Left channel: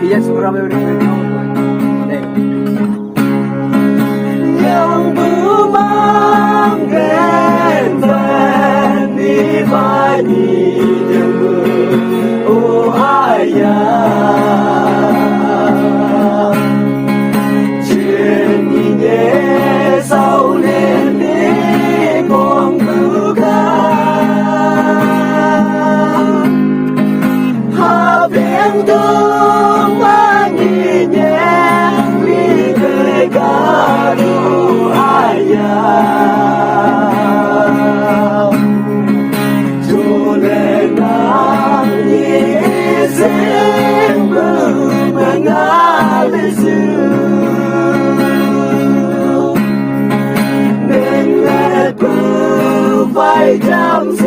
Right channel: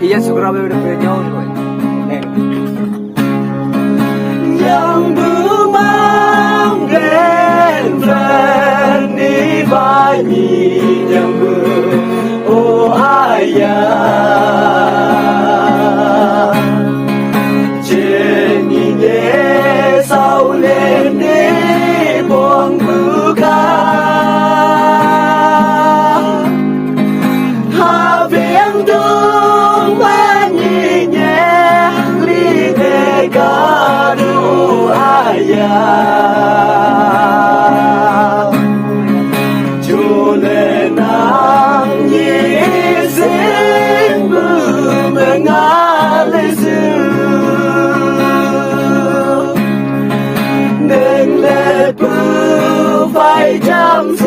Iya segera beberapa jam. Yang memanggen Fani Fani yang beruaya Jenine sau nene bong buka Having dong mani nyeng li negara phải chăm chỉ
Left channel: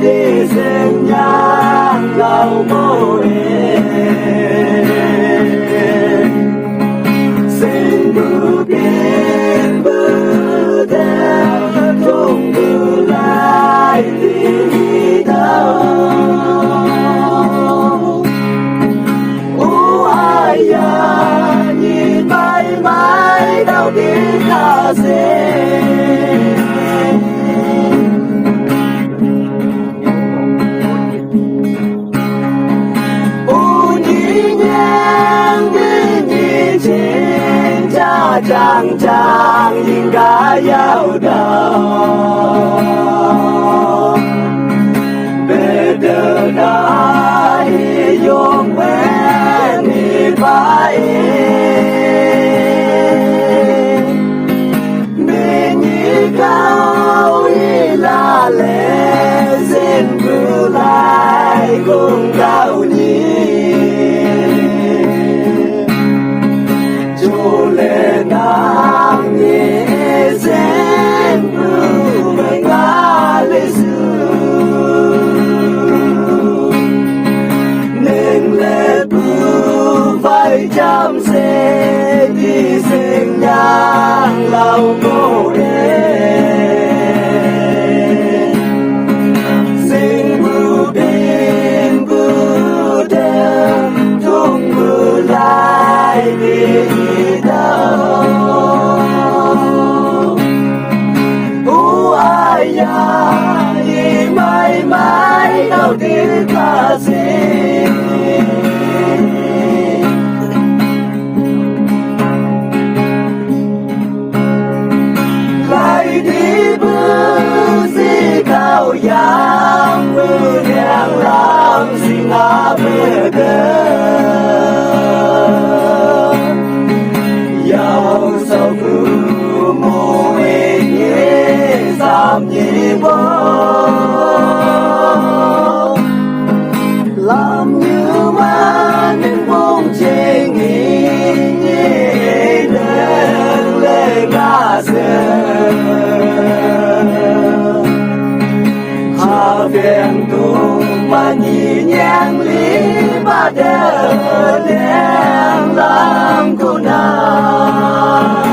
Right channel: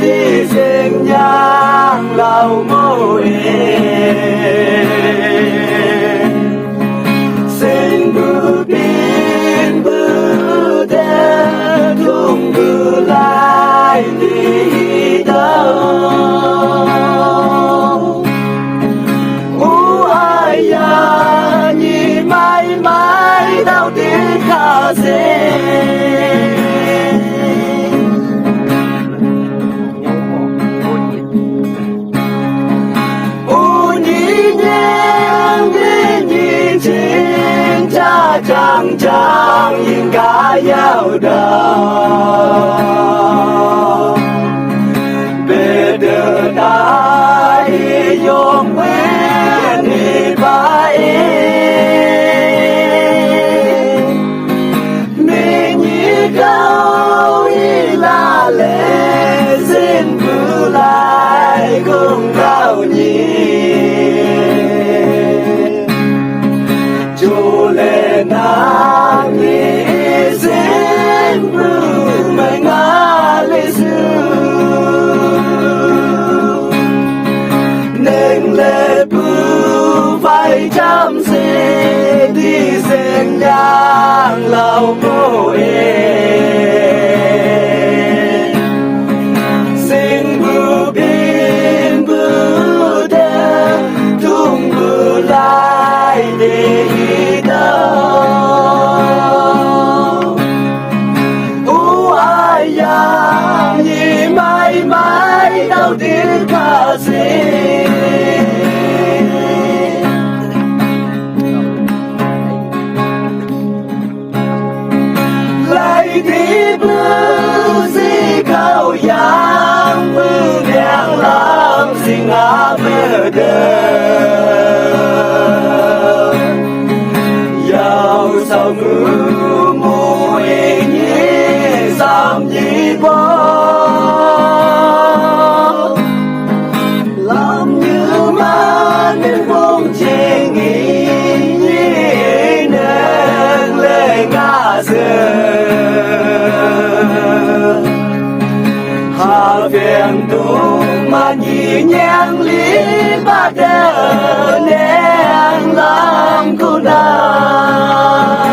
đi sinh nhang lâu mô xin cứ biết bước theo không cứ lại đi đâu ai à nhìn mãi mãi đâu tiếng ca sĩ chàng chàng nhìn cả giao đầu về đường đại yom quen đi bay mình như cao y la lệ xin cứ lại cùng cao nhỉ chăm sẽ đi sinh nhang lâu mô xin bù bin bù đêm thung bù lại đi đâu ai à như mãi mãi đâu tiếng ca sĩ đi bước gì cao yang bước đèn làm gì ngã bờ đời giàu sầu mưa mùi nhé giảm nhị mơ làm như mà nên không chê nghĩ nên lên ngã rơi Viên tu mà nhị nhàng lý ba đờ nén làm cô nào